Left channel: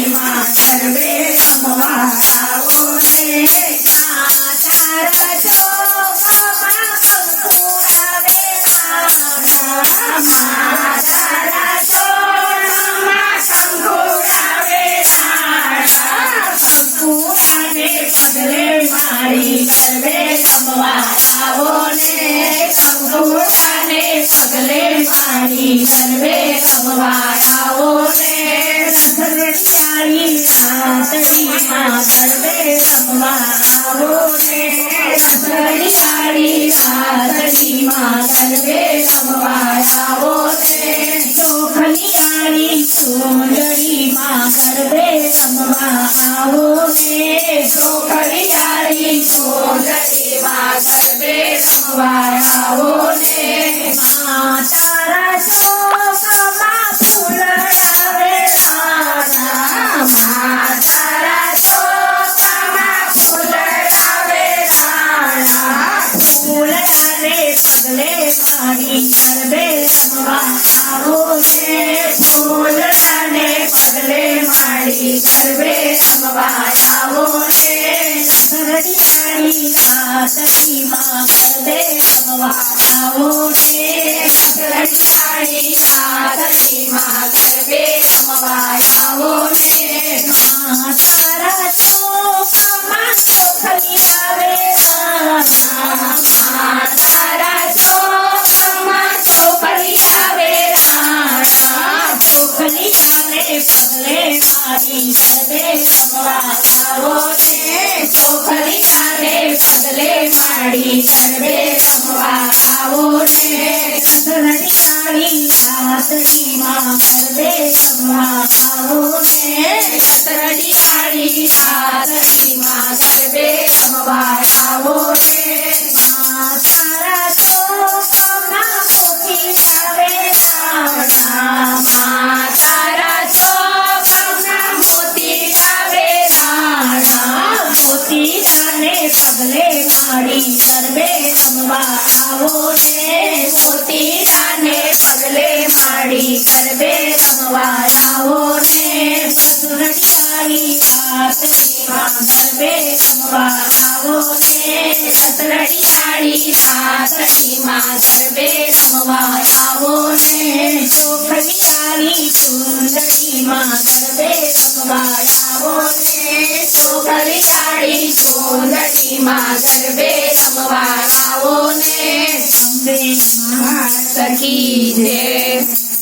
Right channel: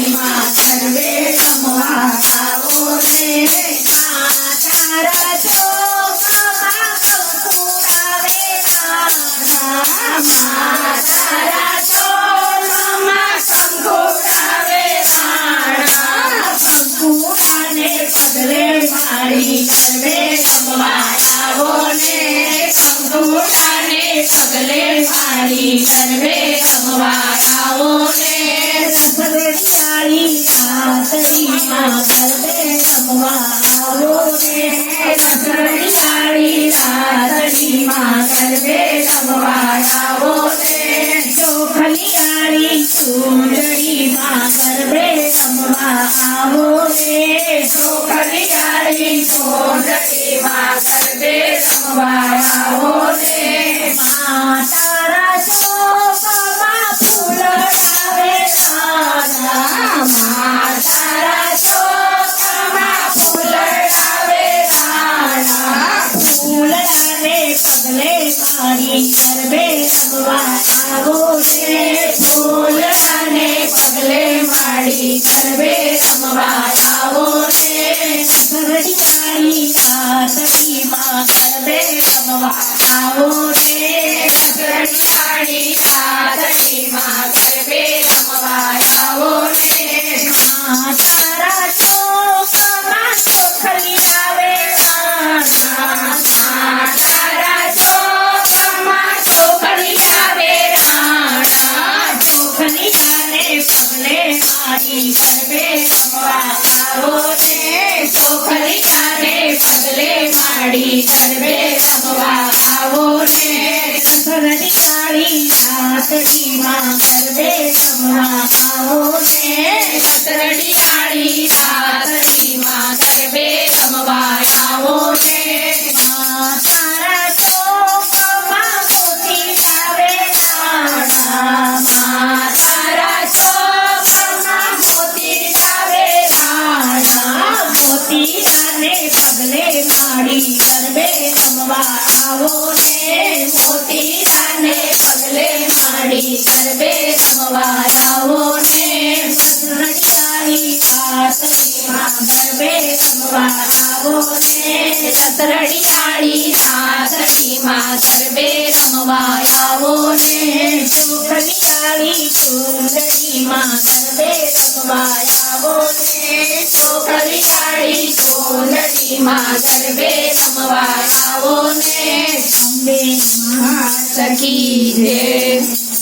मा सर्वे समवासावो नाथरजो नमावे नाथरजो नमा सम्पूर्णवे सम्पूर्णे सगले माणी सर्वे समवासावो ने सम्पूर्णे सगले माणी सर्वे समवासावो રાતડીમાં ગરબે રમવા આવો ને ને ચોખલિયાળી ચૂંદડીમાં ગરબે રમવા આવો ને ચોખલિયાળી ચૂંદડીમાં ગરબે રમવા આવો ને માતારા પગલે પાણી ગરબે રમવા છે. ને ફૂલડાને પગલે મારી ગરબે રમવા છે. ને ઘડિયાળી રાતડીમાં ગરબે રમવા આવો છે. ઘડિયાળી રાતડીમાં ગરબે રમવા આવો ને છે. ચોકમાં મારી ગરબે રમવા આવો ને ચોખલી આને પગલે મારી ગરબે રમવા આવો ને રાતડીમાં ગરબે રમવા આવો ને સતરડિયાળી રાતડીમાં રાણા પગલે મારી ગરબે રમવા આવો ને મોતીડાને પગલે મારી ગરબે રમવા આવો ને સતરડિયાળી રાતડીમાં ગરબે રમવા આવો ને સતરડિયાળી રાતડીમાં ગરબે રમવા આવો ને ગરબે રમવા આવો ને ચોખલિયાળી ચૂંદડીમાં ગરબે રમવા આવો ને સખી જય